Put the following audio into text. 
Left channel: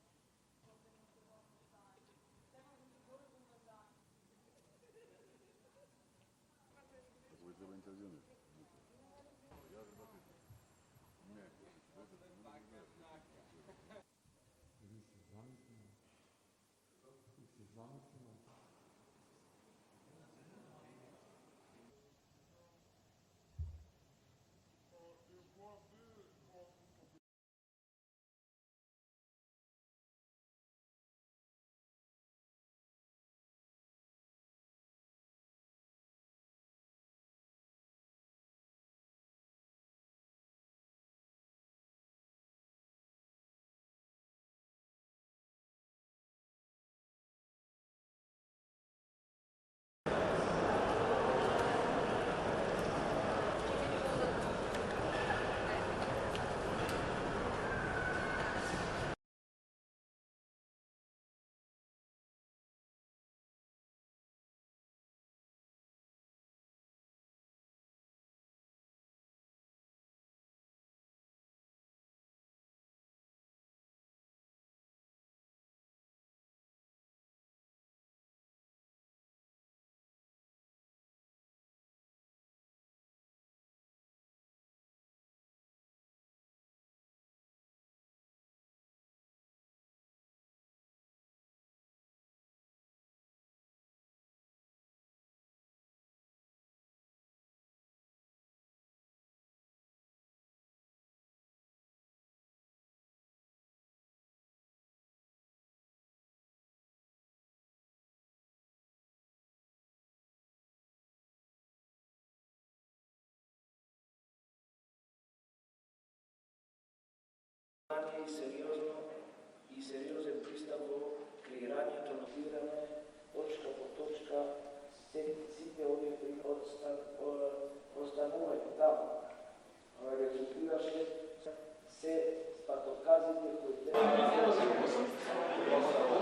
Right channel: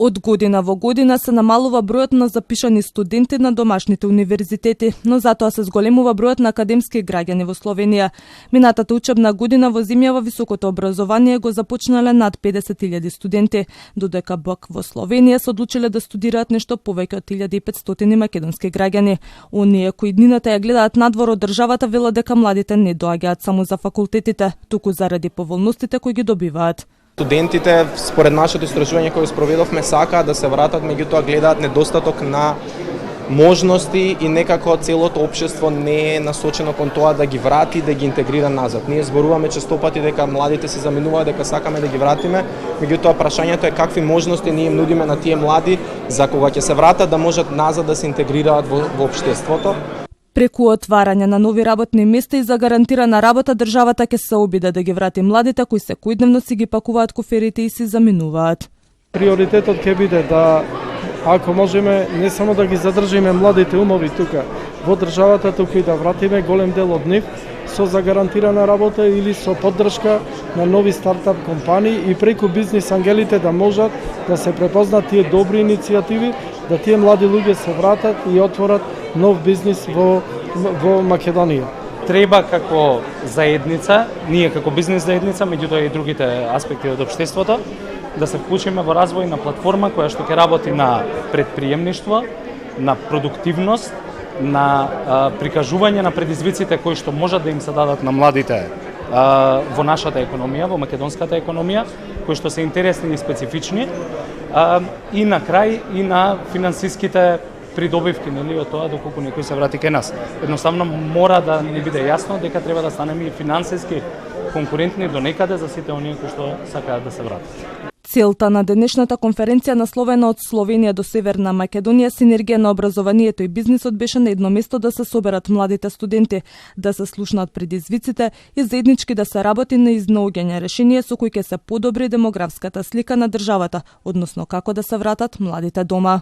Од година во година се намалува бројот на запишани студенти на домашните универзитети, но затоа се зголемува бројот на академски граѓани во Словенија. Минатата учебна година во земјава високото образование го започнале над 50.000 студенти, додека пак во Словенија се одлучиле да студираат нешто повеќе од 1500 македонски граѓани. Оние кои днината ја гледаат надвор од државата велат дека младите не доаѓаат само за факултетите, туку заради поволностите кои ги добиваат. Студентите, според нашето истражување кое спроведовме, сакаат да се вратат, меѓутоа гледаат недостаток на можности и некако целото општество не е насочено кон тоа да ги врати, да ги интегрира назад. Ние зборуваме често пати дека младите се заминуваат, дека сакаме да ги вратиме, меѓутоа прашањето е какви можности ние им нудиме на тие млади за кога ќе се вратат да можат назад да се интегрираат во општеството. Преку отварање на нови работни места и за гарантирана работа, државата ќе се обиде да ги врати младите кои секојдневно си ги пакуваат куферите и си заминуваат. Приоритетот ќе биде да, ако можеме, не само да ги задржиме младите умови тука во државата, туку и да вратиме голем дел од нив со загарантирана работа или со поддршка на нови стартап компании и преку бизнис ангелите да можат да се препознат тие добри иницијативи, да тие млади луѓе се вратат и отворат нов бизнис во Македонија. Треба како заедница, ние како бизнес заедница, меѓутоа и другите аспекти од општеството, да се вклучиме во развој на платформа која што ќе работи на предприемништво, на продуктивност, на прикажување на предизвиците кои што можат да им се дадат на младите во нашата економија, во македонската економија, кои што се интересни и специфични, и на крај и на финансиските придобивки, нели, од тоа доколку некој се врати кај нас. Едноставно мора да ни биде јасно дека треба да станеме и финансиски конкурентни до некаде за сите оние кои што сакаат да се вратат. Целта на денешната конференција насловена од Словенија до Северна Македонија синергија на образованието и бизнисот беше на едно место да се соберат младите студенти, да се слушнат предизвиците и заеднички да се работи на изнаоѓање решенија со кои ќе се подобри демографската слика на државата, односно како да се вратат младите дома.